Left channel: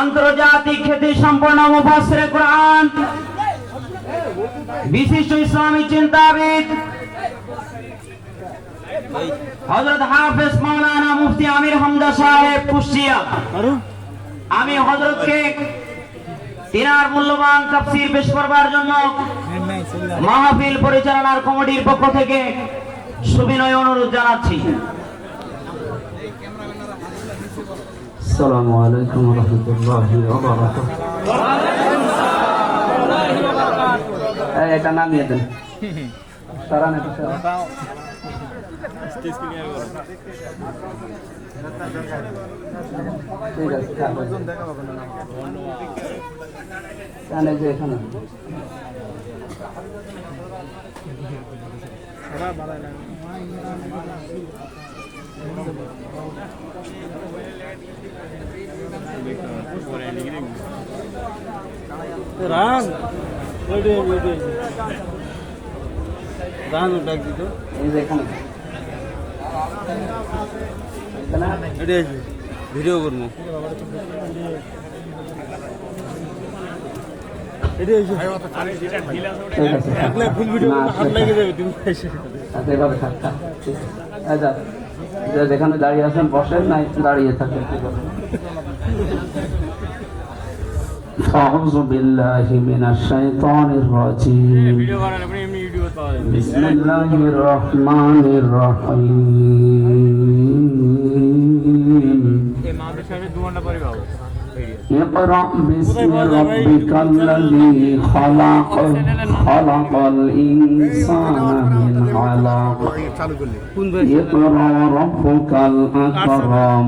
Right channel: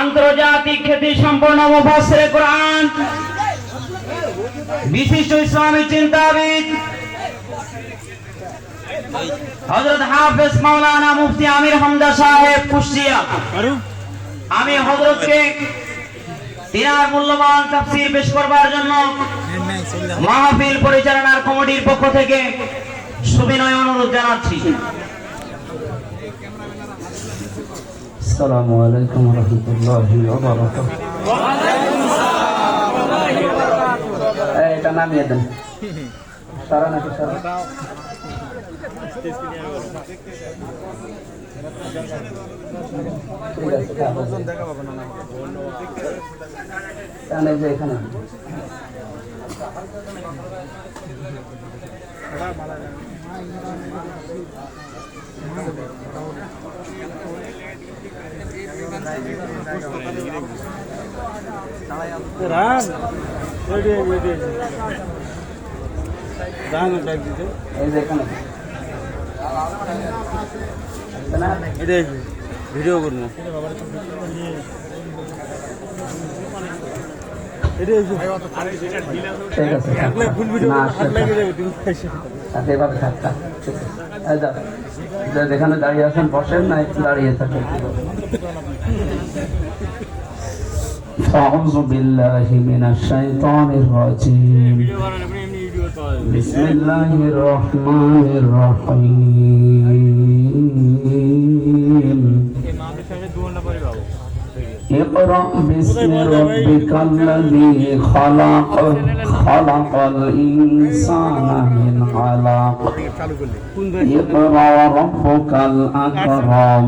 আন্তর্জাতিক খ্যাতি সম্পন্ন মুফাসসিরে কোরআন, বিশিষ্ট ইসলামী চিন্তাবিদ হযরত হাফেজ মাওলানা মুফতি আমির হামজা সাহেব কুষ্টিয়া। আমি হযরতকে তিনার মূল্যবান তাফসীর পেশ করবার জন্য মাহফিল পরিচালনার কমিটির পক্ষ থেকে সুবিনয় অনুরোধ জানাচ্ছি। আসসালামু আলাইকুম ওয়া রাহমাতুল্লাহি ওয়া বারাকাতুহু। এটা নামিয়ে দেন। সারা নাকি সারা? ঠিক আছে, ওজন দেখা হবে না। এখানে যে এখানে রান রেডি রেডি রান ডাক দিতে এই যে এখানে এটা ভিডিও করবো। যেখানে দাঁড়িয়ে আছেন বসেন না, একটু দাঁড়িয়ে থাকেন। أعوذ بالله من الشيطان الرجيم بسم الله الرحمن الرحيم اقرأ باسم ربك الذي خلق خلق الإنسان من علق اقرأ وربك الأكرم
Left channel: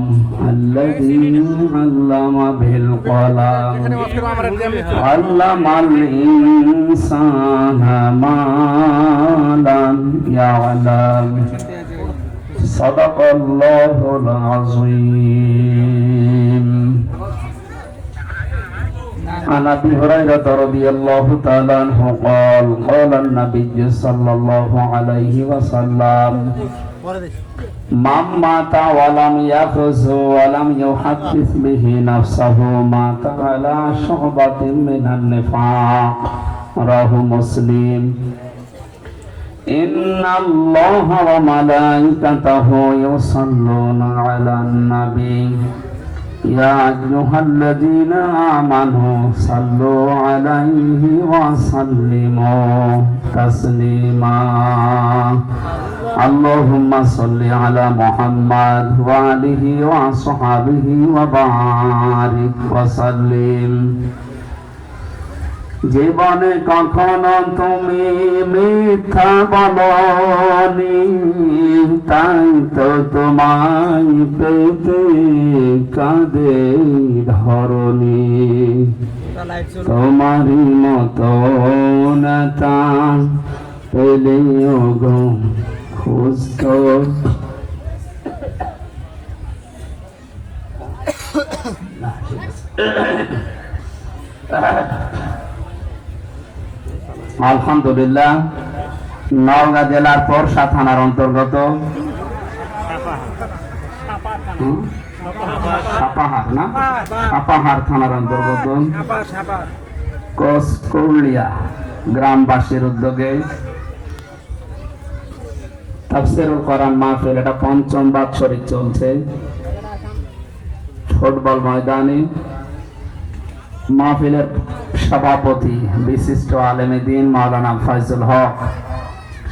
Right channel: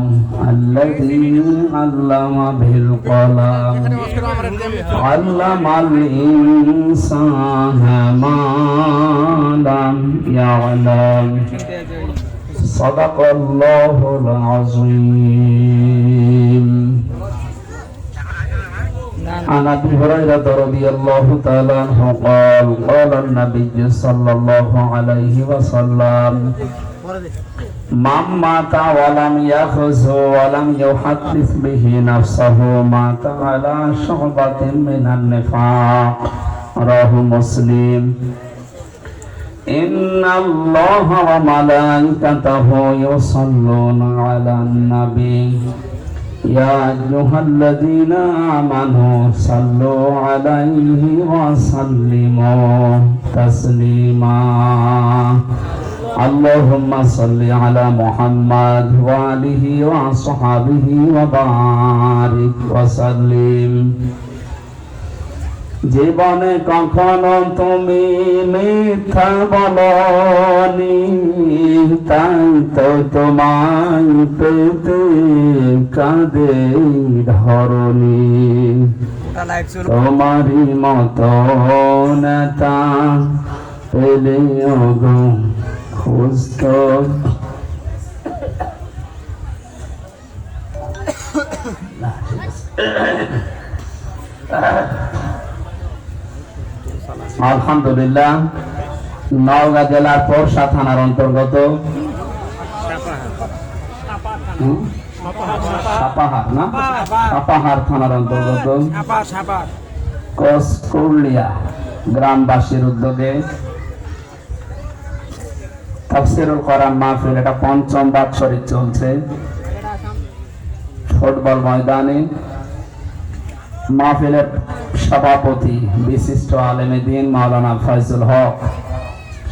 الذي علم بالقلم علم الإنسان ما لم يعلم صدق الله العظيم. عن ابي هريره رضي الله تعالى عنه قال قال النبي صلى الله عليه وسلم من مات ولم يخز ولم يحدث به نفسه مات على شعبة من النفاق رواه مسلم. إن الله وملائكته يصلون على النبي يا أيها الذين آمنوا صلوا عليه وسلموا تسليما. اللهم صل على محمد وآله وصحبه وبارك وسلم. জীবনে কখনো তুমি মিথ্যা বলনি, তাই তো তোমায় পেতে কাঁদে ধরনি। তোমারই মতো নেতা পেলেও গো খুঁজত আলহামদুলিল্লাহ। নওগাঁ জেলার পরশা থানার অন্তর্গত সাপাহার না সাপাহার থানার অন্তর্গত কসকৌলিয়া গ্রামবাসীর উদ্যোগে তাফসীরুল কোরআন মাহফিল, এটা পঞ্চম বাৎসরিক চলছে ফুটবল ময়দানে। মাহফিলের সভাপতি বিশিষ্ট আলেমে দ্বীন মাওলানা ফয়জুল হক,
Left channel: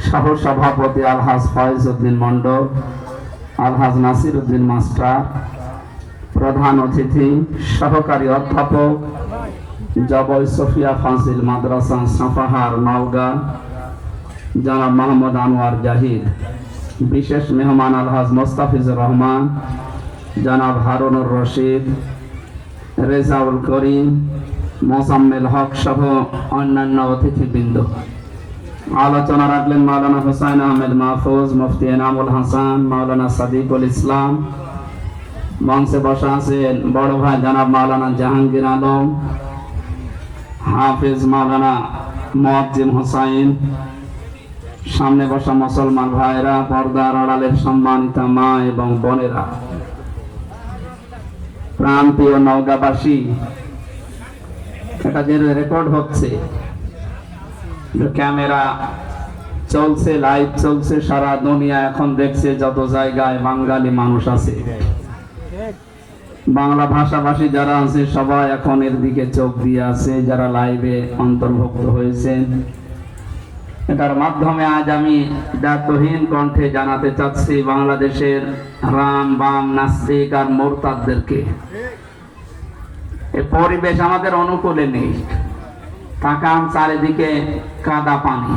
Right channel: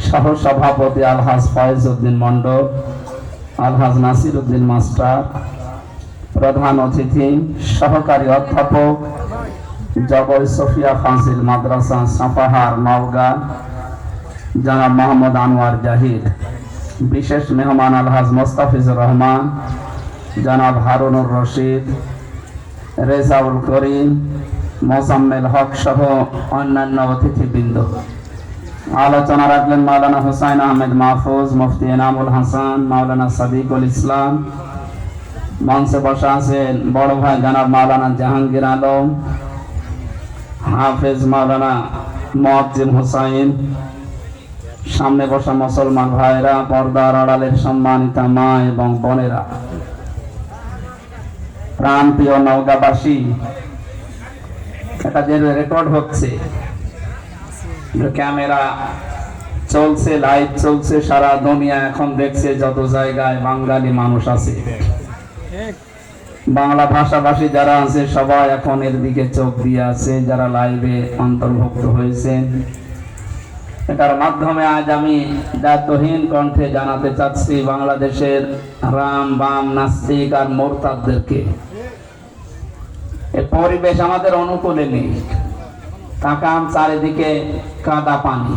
সহ সভাপতি আলহাজ ফয়জউদ্দিন মন্ডল, আলহাজ নাসিরউদ্দিন মাস্টার, প্রধান অতিথি সহকারী অধ্যাপক জবর সফিয়া ফাজিল মাদ্রাসা সাপাহার নওগাঁ জনাব মোহাম্মদ আনোয়ার জাহিদ, বিশেষ মেহমান আলহাজ মোস্তাফিজুর রহমান, জনাব হারুনুর রশিদ, রেজাউল করিম, মোজাম্মেল হক সহ অন্যান্য অতিথিবৃন্দ। আলোচনা রাখলেন মাওলানা হুসাইন আহমেদ মাহফুজ, মুফতি এনামুল হাসান, মাওলানা সাদিকুল ইসলাম। মঞ্চে বসা আছেন বড় ভাই জনাব মাওলানা জাহাঙ্গীর আলম, হাফেজ মাওলানা মুয়াজ্জিম হুসাইন। সামনে বসা মুসলমান ভাইরা, পর্দার আড়ালের সম্মানিতা মা এবং বোনেরা, প্রান্তীয় নওগাঁবাসী, এটা যে রেকর্ড হচ্ছে, ক্যামেরা চলছে, লাইভ চলছে, সারা দুনিয়া এখন দেখছে যত জায়গায় বাঙালি মানুষ আছে, বাংলা ভাষাভাষী যারা আছে সবাই এখন এর দিকে চোখ দিয়ে আছে, যারা লাইভে অন্তর্ভুক্ত হয়েছেন। এটার মাধ্যমে আজ আমি দায়িত্বহীন কণ্ঠে জানাতে চাচ্ছি বাংলাদেশের রাম বাম নাস্তিক আর মোরতাদদেরকে, এই পরিবেশ আমাদের অনুকূলে নেই। তাকান চারিদিকে কাদা পানি,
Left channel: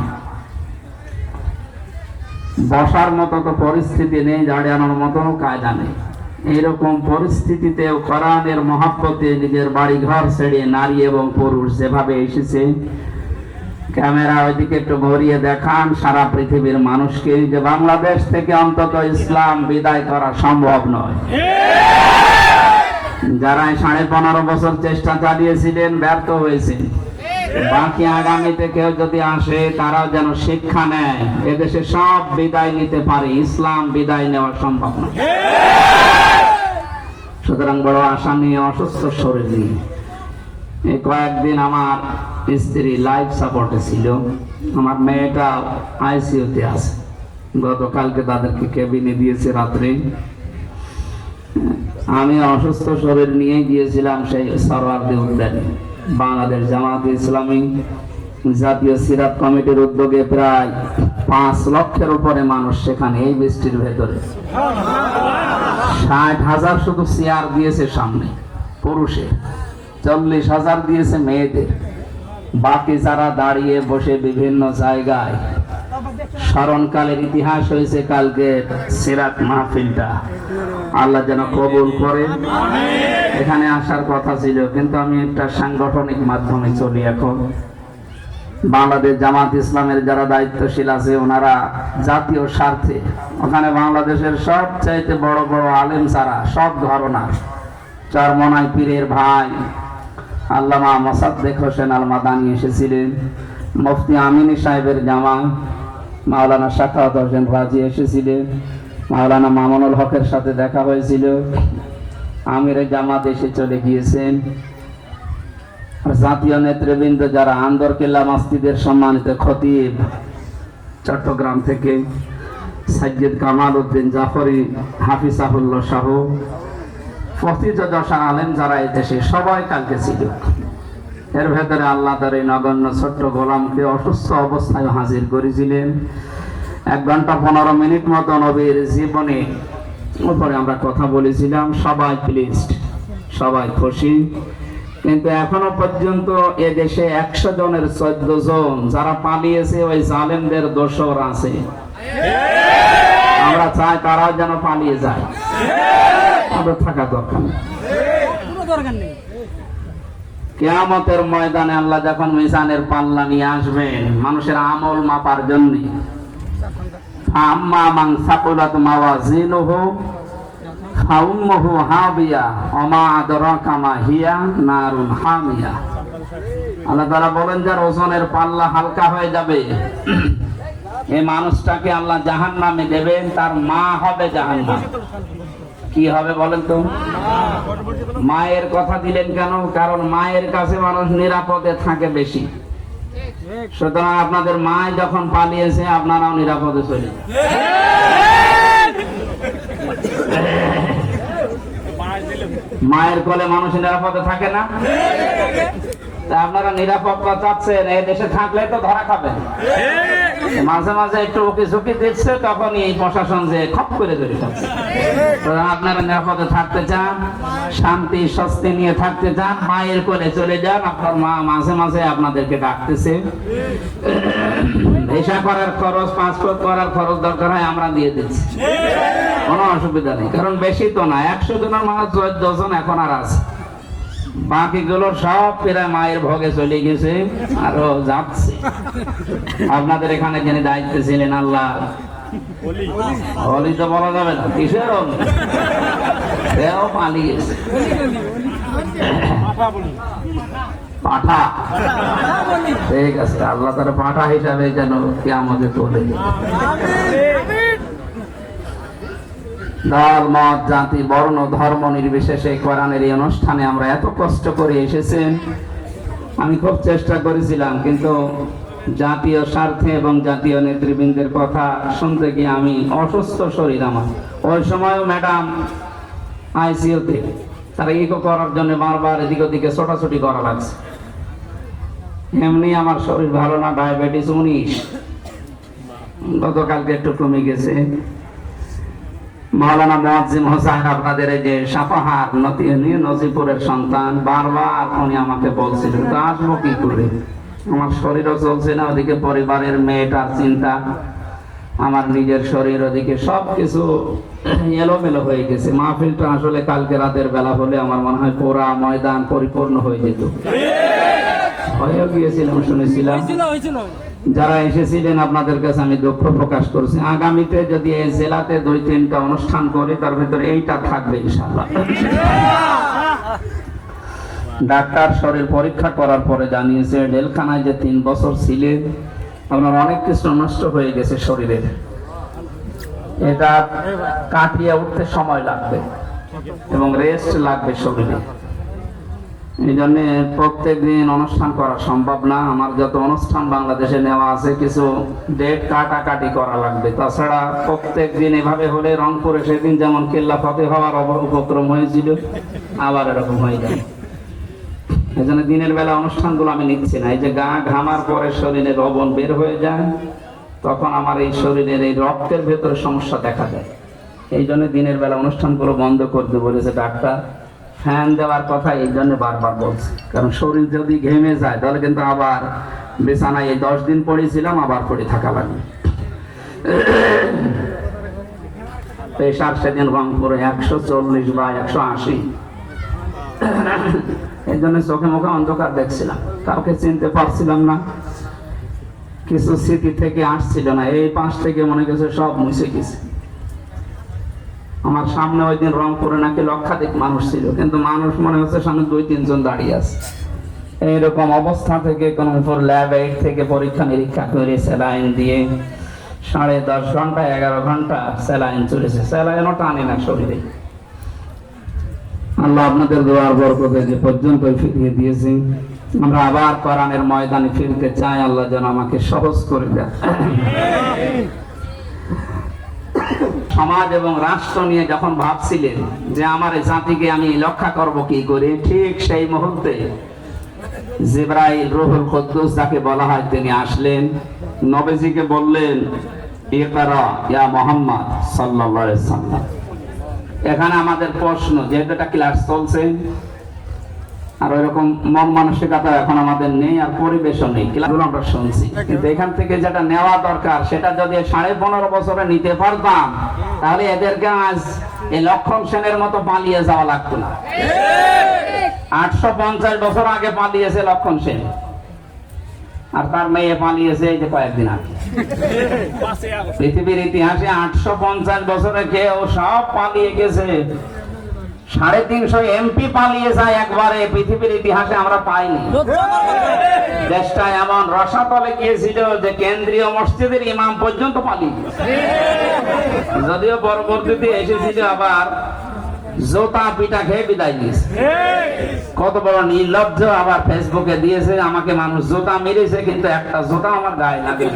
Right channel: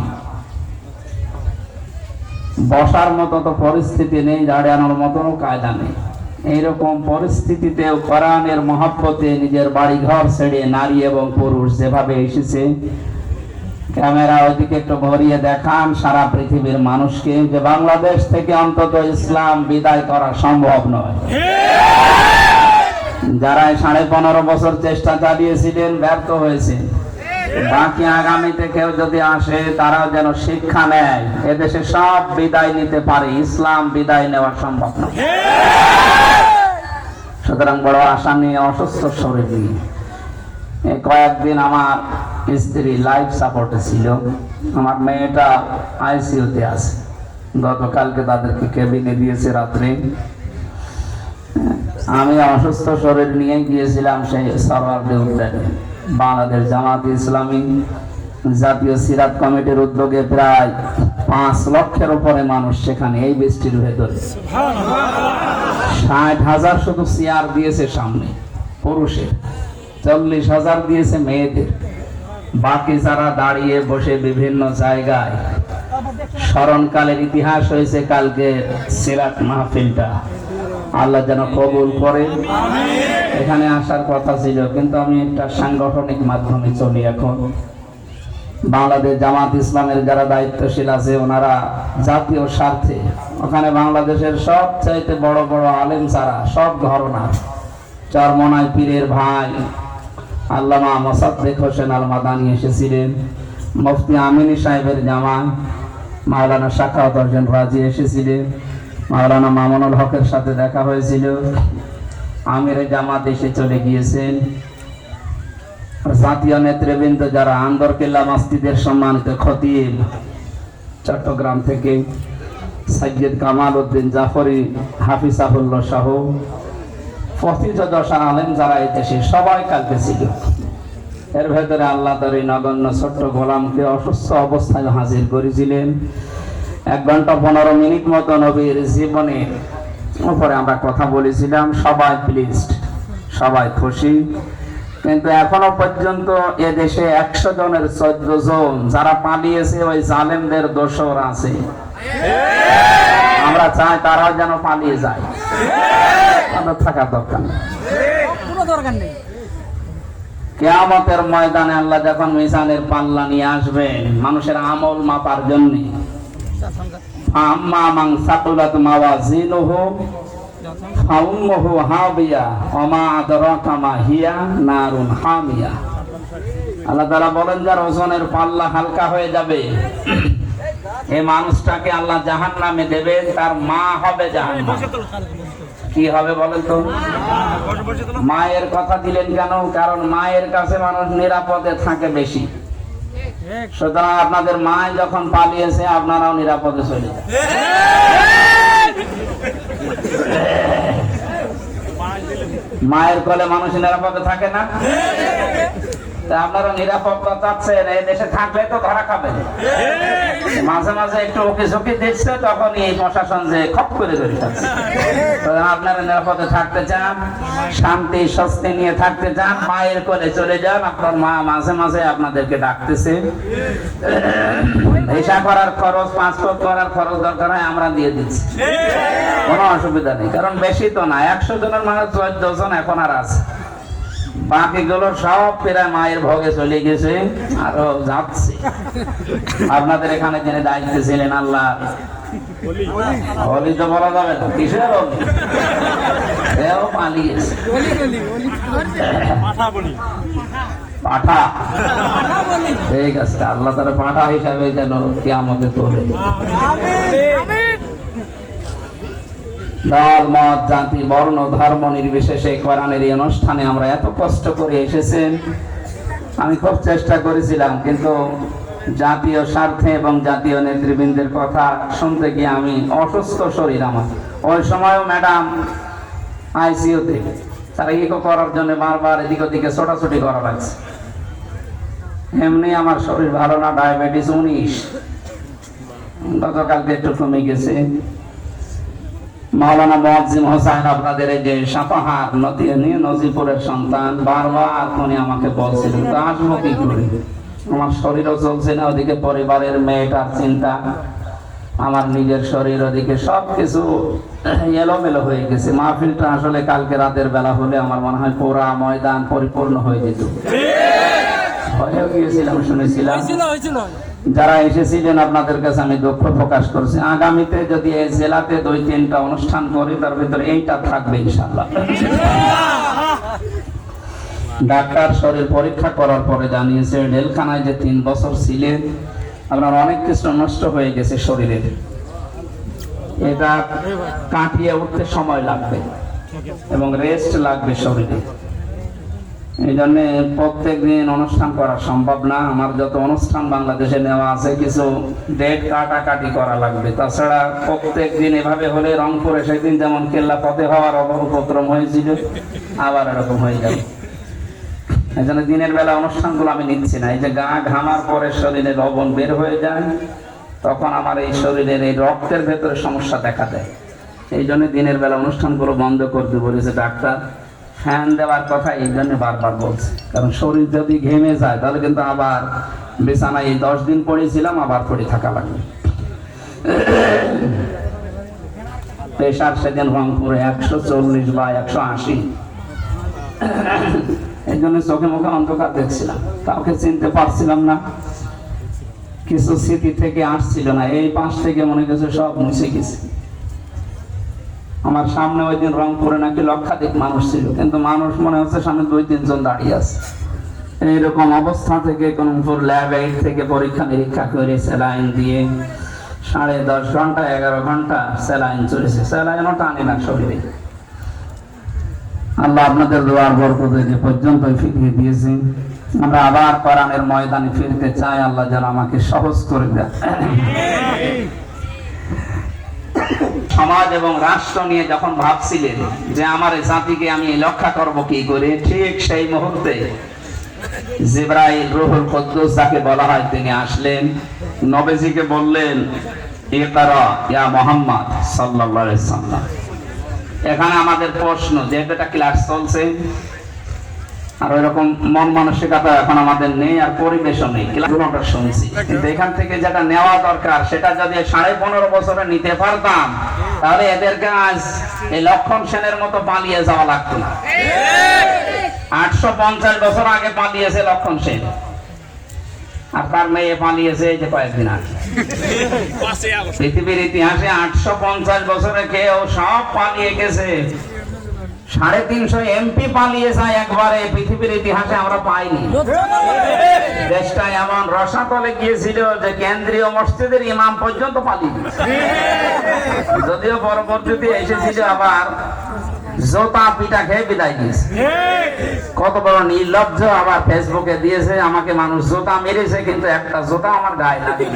বসার মতো তো পরিস্থিতি নেই, দাঁড়ানোর মতো কায়দা নেই। এইরকম পরিস্থিতিতেও কোরআনের মহব্বতে নিজের বাড়ি ঘর ছেড়ে নারী এবং পুরুষ যেভাবে এসেছে, ক্যামেরা ওইদিকে একটু ঘুরিয়ে দেখান সারা পৃথিবীর মানুষকে যে বাংলাদেশ থেকে অন্তত ইসলাম বিদায় করা সম্ভব নয়। যারা 15.5 বছর চেষ্টা চালিয়েছিলেন ব্যর্থ হয়েছে, বাকি আগামীতে কেউ যদি আসে তারাও যেন শিক্ষা নেয়, এদেশে সব বিদায় নিতে পারে, ইসলাম বিদায় নেওয়া সম্ভব না। সুতরাং বড় আশা নিয়ে, অসুস্থ শরীর নিয়ে এই কয়েকদিন আমার স্ত্রী লাইফ সাপোর্টে ছিল, আমার মেয়েটা আইসিইউতে আছে। গতকালকে তাদেরকে কেবিনে দিয়েছে রাত্রে। আমি অসুস্থ শরীর নিয়ে গিয়েছিলাম সেই সরওয়ার্দী উদ্যানে। বাংলাদেশ জামাত ইসলামী জাতীয় সিরাত কমিটির উদ্যোগে প্রায় 5 লক্ষের উপরে মানুষ সেখানে, এই বৃষ্টির ভেতরে 60,000 শুধু চেয়ার দিয়েছে সামনে পুরুষের, 40,000 দিয়েছে মেয়েদের। বাকি যারা দাঁড়িয়ে বসে বিভিন্ন জায়গায় স্মরণকালের ইতিহাস হয়েছে কালকে সিরাত মাহফিলটা, আল্লাহ যেন কবুল করেন। এখানে আসার কথা ছিল, কিন্তু আমি একটা সাংগঠনিক মাধ্যমে চলি। এখন বাংলাদেশ জামাত ইসলামের যারা দায়িত্বশীল আছে ওনারা জাতীয় স্বার্থে ওখানে বাংলাদেশের সবচাইতে বড় বড় আলেম ছাড়া সব ঘরনার চরমনাই পীরের ভাই আল্লামা মোসাদ্দেক হোসেন আল মাদানী এসেছিলেন, মুফতি আমিনী সাহেবের জামাই মাওলানা শাখাওয়াত হোসেন রাজি এসেছিলেন, মাওলানা মামুনুল হকের সাথে দেখা হয়েছিল, আমিরে জামাত এসে চলে গিয়েছেন। জাতীয় নেতৃবৃন্দ যারা আন্দরকিল্লা মসজিদের সম্মানিত খতিব চট্টগ্রাম থেকে সাইয়্যিদ কামাল উদ্দিন জাফরি হাফিজাহুল্লাহ সহ প্রতিটা আলেম যারা এই দেশে সবাই কালকে ছিল। এর ভেতরে আল্লাহ তার এই নগণ্য ছোট্ট গোলামকে অসুস্থ অবস্থায় হাজির করেছিলেন। 1 ঘন্টা 15 মিনিট মতো নবীর জীবনের উপরে আমরা কথা বলেছিলাম। সবাই প্লিজড, সবাই খুশি। কিন্তু এখনো পর্যন্ত এ দেশে 100 জনের 14 জন যারা পালিয়েছে ওই জালেমদের দোসর আছে। আমরা চাই তারাও যেন পালিয়ে যায়, আমাদের থাকা দরকার নেই। কিয়ামতের ময়দানে আল্লাহ যখন মিজানের পাল্লা নিয়ে আসবেন মানুষের আমল মাপার জন্য, আম্মা মান সাকুলাত মাওয়াজিনুহু ফাউম্মুহু হাবিয়া ওয়া মা আদরাকা মা হিয়া নারুন হামিয়া। আল্লাহ তাআলা বলেন যার ওজনের পাল্লা হালকা হয়ে যাবে এই মানুষটাকে আল্লাহ জাহান্নামে দেবেন, তার মা হবে জাহান্নাম। কি হবে বলেন তো? মায়ের কথা দিলেন কেন? কারণ মায়ের কাছে মানুষ নিরাপদে থাকে বেশি। সুতরাং আপনাদের মা যখন পালিয়েছে আপনারাও নিরাপদে চলে যান। মায়ের কোলে মানুষ নিরাপদে থাকে না? তা আপনারা নিরাপত্তা চাচ্ছেন, এই দেশে থাকলে তো ধরা খাবেন। মাঝে মাঝে একটু ওকে ঝুঁকি দিচ্ছে, তখনই এই প্রশাসন যে খপ করে ধরে থাকছে। আপনারা নিরাপদে থাকতে চান, শান্তি স্বস্তি নিয়ে থাকতে চান, মায়ের কোলে চলে যান। আপনার মা মাঝে মাঝে আপনাদেরকে ডাকতেছে। ভিসা করার খরচ, পাসপোর্ট করার খরচ দরকার হয় আমরা দিয়ে দিচ্ছি, কোনো অসুবিধা নেই। কারণ বেশি তো না, 100 জনের মানুষ 14 জন এখন আর আছে। বাকিগুলোর সব প্রায় মায়ের ভোগে চলে গেছে, আরো যাচ্ছে। আপনাদের এখানে যিনি দায়িত্বে ছিলেন আল্লাহ অলি তো বলা যাবে না, কিসের অলি, এও পালিয়েছে। পাঠা, ঠিক আছে, আল্লাহ তার পাঠা হিসাবে যেন কিয়ামতে তোলে। দল মত জাতি বর্ণ ধর্ম নির্বিশেষে কোরআনের এই অনুষ্ঠানে আমরা এত কষ্ট করে এসেছেন। আমি খুব চেষ্টা করেছিলাম, কিন্তু জাতীয় স্বার্থে এবং জাতীয় নেতৃবৃন্দের কথা শুনতে গিয়ে আমি অসুস্থ শরীর আমার। ওই সময়ও ম্যাডাম আইসিইউতে, তারা ইকো করার জন্য বারবার এদিক ওদিকে ছোটাছুটি করা লাগছে। এমনি আমার শরীর ভালো না, ডায়াবেটিস 19, গতকালকে একটু কমে গেছে। মাওলানা মুয়াজ্জিম হোসেন আপনাদের এই যে সাপাহাত নজিপুরের সন্তান, বারবার উনি আমাকে বলছিল তো আসবো কি করে, আমার শরীরও চলছে না, ওদিকে পরিবারের মেয়েটার চিন্তা, আমার নিজের শরীর, ওদিকে সবকিছু এলোমেলো হয়ে গেছে। মাহফিলটা আসলে কালকে রাতের বেলা হলে আমার মনে হয় পুরা ময়দান পরিপূর্ণ হয়ে যেত। হয়েও গিয়েছিলাম, শুনেছিলাম। যারা এসেছিলেন আপনাদের কাছে আমি দুঃখ প্রকাশ করছি। আগামীতে যদি এই জেলাতে 2-3টা অনুষ্ঠান করি, তার ভিতরে এইটা থাকবে ইনশাআল্লাহ। ডাক্তার শরীর পরীক্ষা করার পরে জানিয়েছে জেলখানায় যে 3 বছর ছিলেন আপনার অনেক কিছু নষ্ট হয়ে গেছে শরীরে, এটা কাটিয়ে উঠতে সময় লাগবে এবং রেস্ট লাগবে শরীরে। এই জন্য প্রত্যেক দিন অনুষ্ঠান করা সম্ভব না। আমার যত অনুষ্ঠান বাংলাদেশে নেওয়া আছে কিছু ডেট কাটাকাটি করা লাগবে। তাছাড়া প্রত্যেক দিন এভাবে হলে রংপুরে সেদিন যেমন কেল্লা ফতেহ হওয়ার উপক্রম হয়েছিল, আবার এরকম হয়ে যাবে। এই জন্য দিনের বেলা অনুষ্ঠানগুলো আমি নিচ্ছি না। এই যে গা ঘামার পরে শরীরে লবণ বের হয়ে যায়, তখন আমার এই শরীরের এই রক্তের ভেতরে সমস্যা দেখা দেয়। এই জন্য দিনের বেলা অনুষ্ঠানগুলো বন্ধ করতে বলেছে ডাক্তার। ফ্যান দেওয়ার কথা এই জন্য বারবার বলছে, কারণ শরীর যদি ঘেমে যায় তাহলে কিন্তু আবার বিছানায় এই 10 দিন পড়েছিলাম, আবার পড়ে থাকা লাগবে। প্রেশার সেদিন রংপুরে 140 বা 180। এই জন্য চোখে মুখে অন্ধকার দেখছিলাম, কাউকে চিনতে পারছিলাম না, কিছু স্মৃতি থেকে আসছিল না। এই পাশ থেকে মনে গেছে সব মুছে গেছে। আমার সামনে ওই দিন রংপুরে নাকি লক্ষাধিক মানুষ ছিল, কিন্তু মানুষ মনে হচ্ছে সামনে 2-3 জন দাঁড়িয়ে আছে। এইরকম অবস্থা থেকে কোনপুর ল্যাব 8 থেকে পরীক্ষা নিরীক্ষা করে স্যালাইন দিয়ে 10.5 ঘন্টা 11 ঘন্টা স্যালাইন চলেছে, স্যালাইনও টানে না শরীরে। আল্লাহ আপনাদের দোয়ার বরকতে যে পর্যন্ত ফিরিয়ে দিয়েছে, আমরা আবার কোরআনের ময়দানে ফিরতে চাই। আল্লাহ যেন আমাকে সহজ করে দেয়। সমাজ এবং রাষ্ট্র নিয়ে যখন ভাবছিলেন যে আমার জাতিকে আমি রক্ষা করব কি করে, ঠিক সেই মুহূর্তে জিবরাইল রূহুল কুদ্দুস যাকে বলা হয় তিনি আসলেন, নবীজিকে বললেন ইকরা ইয়া মুহাম্মদ সাল্লাল্লাহু আলাইহি ওয়াসাল্লাম। এখানে আমাদের প্রশ্ন, যেহেতু এটা ক্লাস চলছে আর ওইরকম মন মানসিকতা এখন আমাদের নেই, আর পরিবেশও নেই, ক্লাসগুলো আমরা শুনছি, কিন্তু এখান থেকে যেটা নেওয়া দরকার সেটা যদি 15.5 বছরে নিতে পারতাম, তাহলে এদেরকে আজ এই লক্ষণ সেনের মতো পালিয়ে যাওয়া লাগতো না। 850 বছর আগে পালিয়েছে লক্ষণ সেন, আর তার মেয়ে পালিয়েছে এই যে কয়েকদিন আগে। পৃথিবীর ইতিহাসে 850 বছরে কেউ সব পালিয়ে গেছে, 350 এমপি পালিয়ে যায় একবারে, পৃথিবীর ইতিহাসে আমরা পাইনি। দেশটা এমন রসাতলে গিয়েছিল যে কেন্দ্রীয় মসজিদের ইমাম পর্যন্ত পালিয়ে গেছে। যদিও পরবর্তীতে এসেছিল আবার জোতা পিটা খেয়ে বিদায় দিয়েছে। কত বড় নির্লজ্জ, আবার ফেসবুকে দিয়েছে আমাকে মানুষ জোতা মেরেছে, কিন্তু একটা জোতা আমার গায়ে লাগে।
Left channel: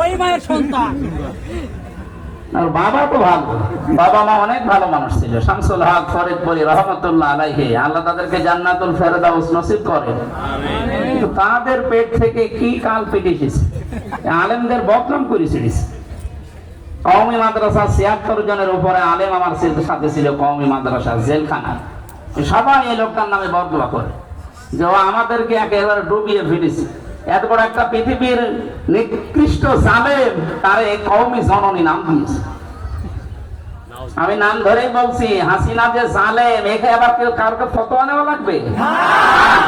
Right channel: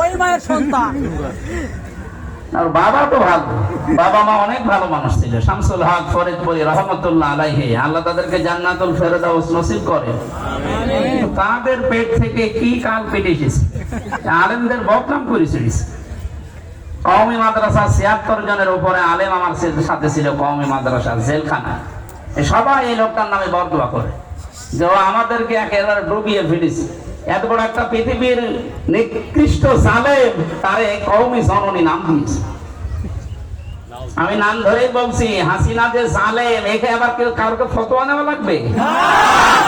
ওই মায়ের সন্তান। আর বাবা তো ভালো, বাবা মা অনেক ভালো মানুষ ছিল। শামসুল হক ফরিদপুরি রহমতুল্লাহ আলাইহি, আল্লাহ তাদেরকে জান্নাতুল ফেরদাউস নসিব করে। কিন্তু তাদের পেট থেকে কি কাল পেটে এসেছে, আলেমদের বদনাম করেছে। কওমি মাদ্রাসা 76 জনের উপরে আলেম আমার সাথে ছিল, কওমি মাদ্রাসা জেলখানা। সবাই এই লোকটার নামে বদদোয়া করে যে আমাদেরকে একেবারে ডুবিয়ে ফেলেছে। এত বড় একটা পৃথিবীর নিকৃষ্ট জালেম, তারে কওমি জননী নাম দিয়েছে। আমি নাম ধরে বলছি, হাসিনা যে জালেম, একে আবার কেউ কারোকে ফতোয়া নেওয়া লাগবে?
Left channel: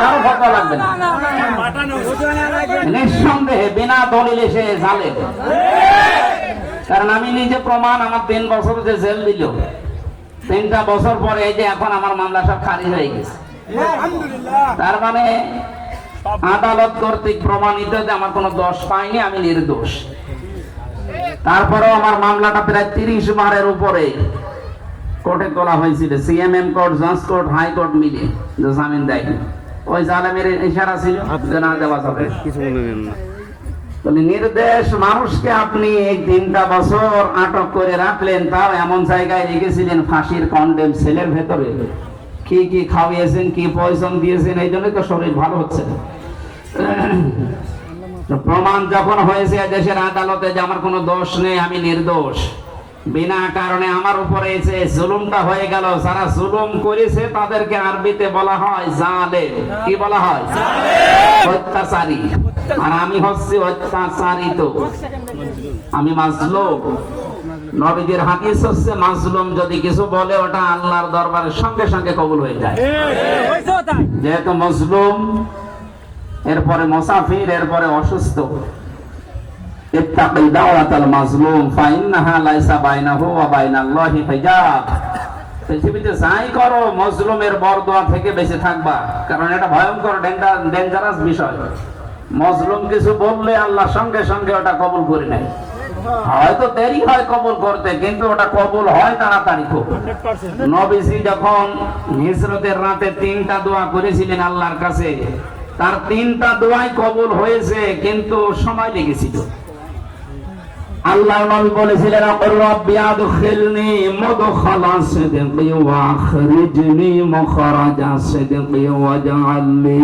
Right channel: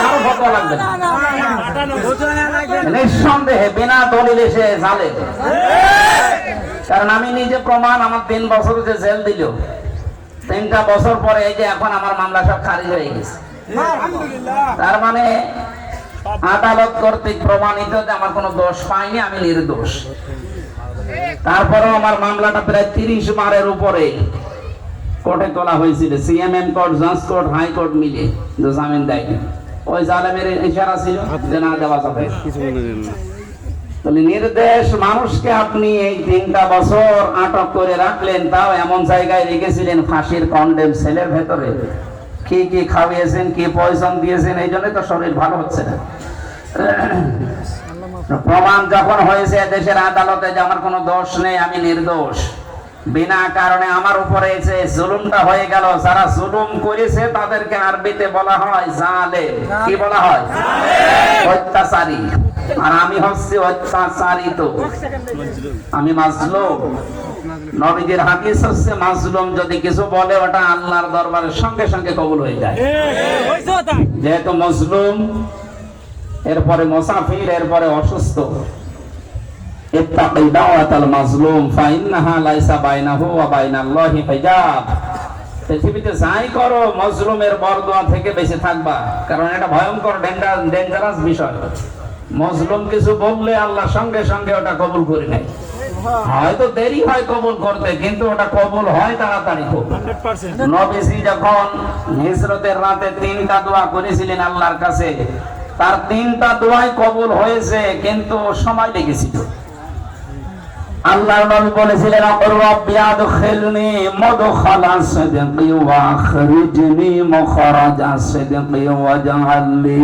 কারো ফতোয়া লাগবে না, নিঃসন্দেহে বিনা দলিলে সে জালেম। কারণ আমি নিজে প্রমাণ, আমার 3 বছর যে জেল দিল, 3টা বছর পরে এই যে এখন আমার মামলা সব খারিজ হয়ে গেছে। তার মানে আদালত কর্তৃক প্রমাণিত যে আমার কোনো দোষ পাইনি, আমি নির্দোষ। তারপরেও আমার মামলাটা প্রায় 30 বারের উপরে কোর্টে তোলা হয়েছিল, সিএমএম কোর্ট, জজ কোর্ট, হাইকোর্ট মিলে, যে জামিন দেয়নি। ওই জালেমের ইশারা ছিল যে না দেওয়া যাবে। নির্দেশ মানুষকে আপনি এই 3টা বছর আটক করে রাখলেন, তাও এমন জায়গায় রেখেছিলেন ফাঁসির কন্ডেম সেলের ভেতরে। কি কি খাওয়িয়েছেন, কি পয়জন দিয়েছেন, এই জন্যই তো শরীর ভালো হচ্ছে না। প্রমাণ যখন হয়েছে দেশের আদালতে যে আমার কোনো দোষ নেই, আমি নির্দোষ, বিনা কারণে আমার উপরে যে জুলুমটা হয়ে গেল, যারা জুলুম করেছে তাদেরকে আরবিতে বলা হয় জালেম। কি বলা হয়? অত্যাচারী। আর আমি হচ্ছি অত্যাচারিত, আমি মাজলুম। নবীজির হাদিস হচ্ছে মাজলুম যদি কিছু বলে ওটা আল্লাহর দরবারে সঙ্গে সঙ্গে কবুল হয়ে যায়। যেহেতু মাজলুম, এরপরে মুসাফির, এরপরে অসুস্থ। ইত্তাকি দাওয়াতাল মাজলুম ফাইন্নাহা লাইসা বাইনাহু ওয়া বাইনাল্লাহি হিজাব। পৃথিবীতে যাই করো মাজলুমের বরদোয়া থেকে বেঁচে থাকবা, কারণ এটা ভয়ঙ্কর ডেঞ্জারাস বিষয়। মাজলুম কিছু বললে আল্লাহ সঙ্গে সঙ্গে ওটা কবুল করে নেয়। হয়তো দেরি হয় কবুল করতে, কিন্তু ওটা কবুল হয় তাড়াতাড়ি খুব। নবীজি যখন হিজরতের রাতে 3টা দোয়া করেছিলেন আল্লাহর কাছে, তার 3টা দোয়াই কবুল হয়েছে, কিন্তু সময় লেগেছিল। আল্লাহর নবী বলেছিলেন, রাব্বি আদখিলনি মুদখালা সিদকি ওয়া আখরিজনি মুখরাজা সিদকি ওয়াজআলনি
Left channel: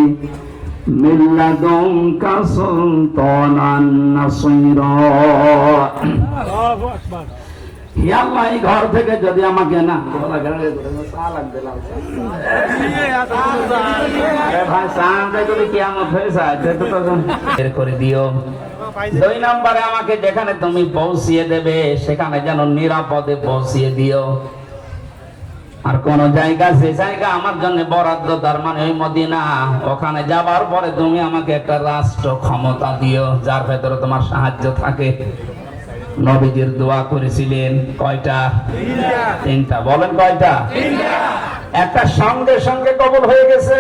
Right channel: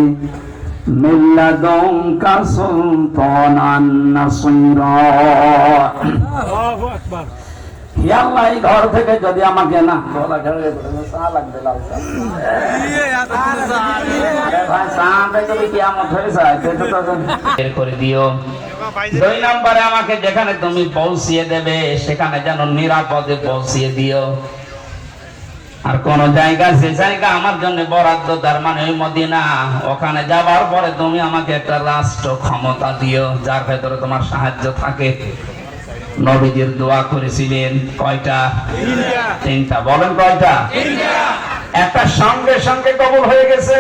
মিন লাদুনকা সুলতানান নাসীরা। হে আল্লাহ, এই ঘর থেকে যদি আমাকে না বের করে দিও। 2 নম্বরে আমাকে যেখানে তুমি পৌঁছিয়ে দেবে সেখানে যেন নিরাপদে পৌঁছিয়ে দিও। আর কোন জায়গা, যে জায়গা আমার জন্য বরাদ্দ, তার মানে ওই মদিনা, ওখানে যাবার পরে তুমি আমাকে একটা রাষ্ট্র ক্ষমতা দিও যার ভেতরে তোমার সাহায্য থাকে। নবীজির দোয়া করেছিলেন কয়টা? 3টা। বলেন কয়টা? 3টা। একটা সঙ্গে সঙ্গে কবুল হয়ে গেছে,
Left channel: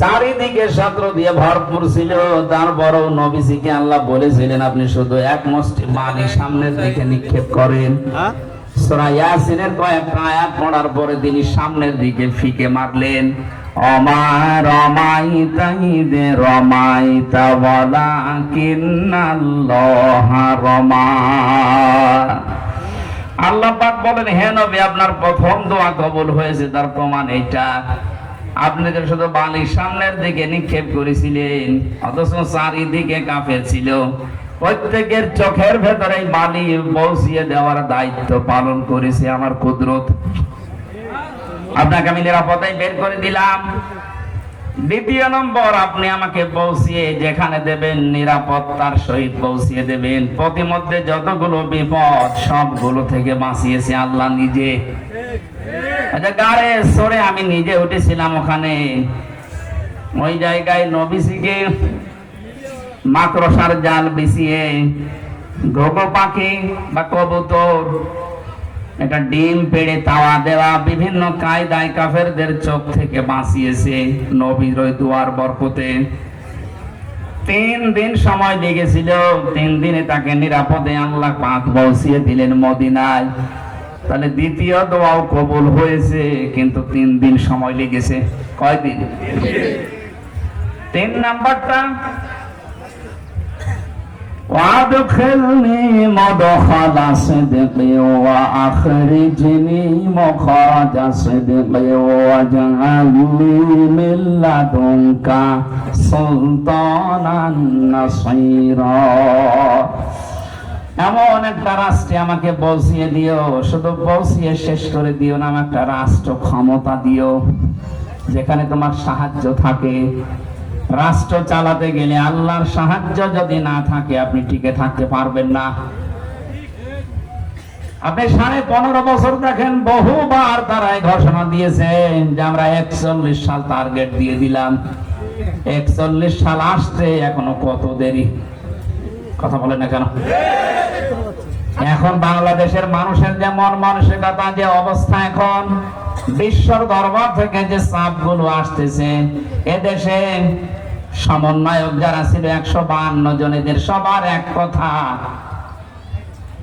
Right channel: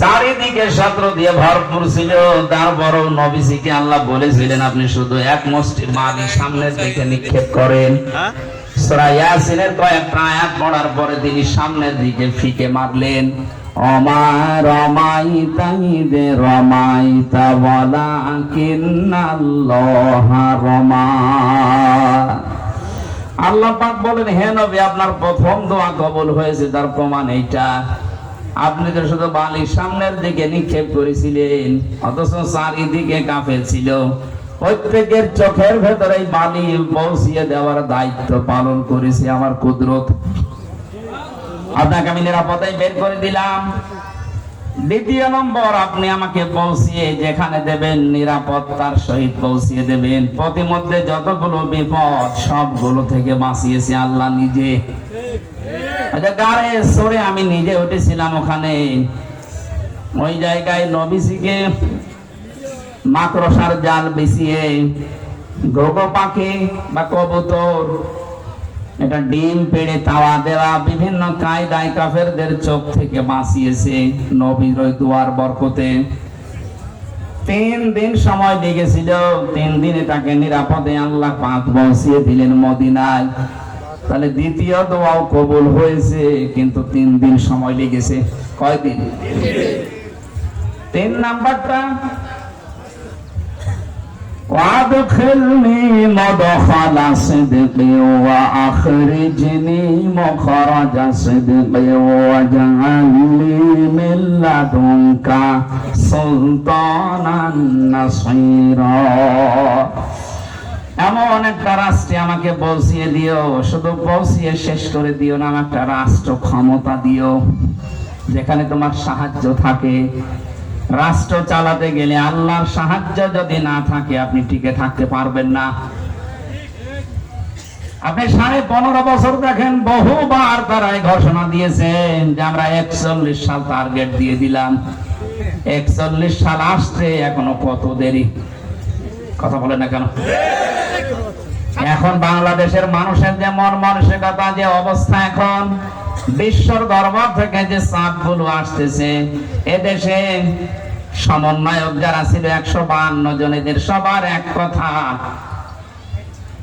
চারিদিকে ছাত্র দিয়ে ভরপুর ছিল। তারপরও নবীজিকে আল্লাহ বলেছিলেন, আপনি শুধু এক মুষ্টি মাটি সামনের দিকে নিক্ষেপ করেন। সূরা ইয়াসিনের কয়েকটা আয়াত পড়ার পরে তিনি সামনের দিকে ফিকে মারলেন। ওমা রমাইতা ইযে রমাইতা ওয়ালাকিন্নাল্লাহা রমা। আল্লাহ পাক বলেন, হে নবী, আপনার প্রথম দোয়া কবুল হয়েছে, তার প্রমাণ এইটা। আপনি তো শুধু বালির সামনের দিকে নিক্ষেপ করেছিলেন, অথচ চারিদিকে কাফের ছিল। প্রত্যেকের চোখের ভেতরে বালি পৌঁছিয়ে দেওয়ার দায়িত্ব পালন করেছে আমার কুদরত। আপনাকে আমি নিরাপদায় বের করে দিলাম। 2 নম্বর, আপনি আমাকে পৌঁছিয়ে যেখানে দেবেন নিরাপত্তার সহিত পৌঁছিয়ে দেবেন। প্রতিমধ্যে যতগুলো বিপদ সবগুলো থেকে বাঁচিয়েছে আল্লাহ নিজে। গাড়ে সরে আমি নিজে উঠেছিলাম ওখানে, ওই জায়গায় নবীজিকে মাকড়সার জাল বিছিয়ে ঘোঘো পাখি বা কবুতর এটা ডিম পেড়ে তাওয়া দেওয়া, বিভিন্ন কায়দায় কাফেরদের চোখ থেকে বাঁচিয়েছে নবীর ওই দুয়ার বরকতে। 3 দিন সময় লেগেছিল, 3 দিনে তাকে নিরাপদে আল্লাহ পাক পৌঁছিয়ে দিলেন মদিনায়। তাহলে দ্বিতীয় দোয়াও কবুল হয়েছে, কিন্তু 3 দিন সময় লেগেছে। কয়দিন? 3 নাম্বারটা, وادخلني مدخل صدق واخرجني مخرج صدق واجعلني من لدنك سلطانا نصيرا। এমন একটা রাষ্ট্রে আমাকে পৌঁছিয়ে দিও, শুধু পৌঁছিয়ে শেষ করে দিও না, একটা রাষ্ট্র ক্ষমতা দিও যেখানে তোমার সাহায্য থাকে। রাষ্ট্র চালাতে গেলে আল্লাহর সাহায্য যদি না থাকে আপনি টিকে থাকতে পারবেন না। আপনি 15.5 বছর দেখেন, বহুবার তারা ঘোষণা দিয়েছেন যে আমরা 41 সাল টার্গেট দিয়ে দিলাম। 41 সাল আসছে, এখনো কত দেরি। কথা বলে না কেন? এখন বাংলাদেশের মানুষের যে মন মানসিকতা, যে অবস্থা, এখন বিশ্বর দরবার থেকে যে চাপগুলো আসতেছে, এদেশে সমন্বয়ক যারা ছিল 152 জন, এদের সবার এক কথা,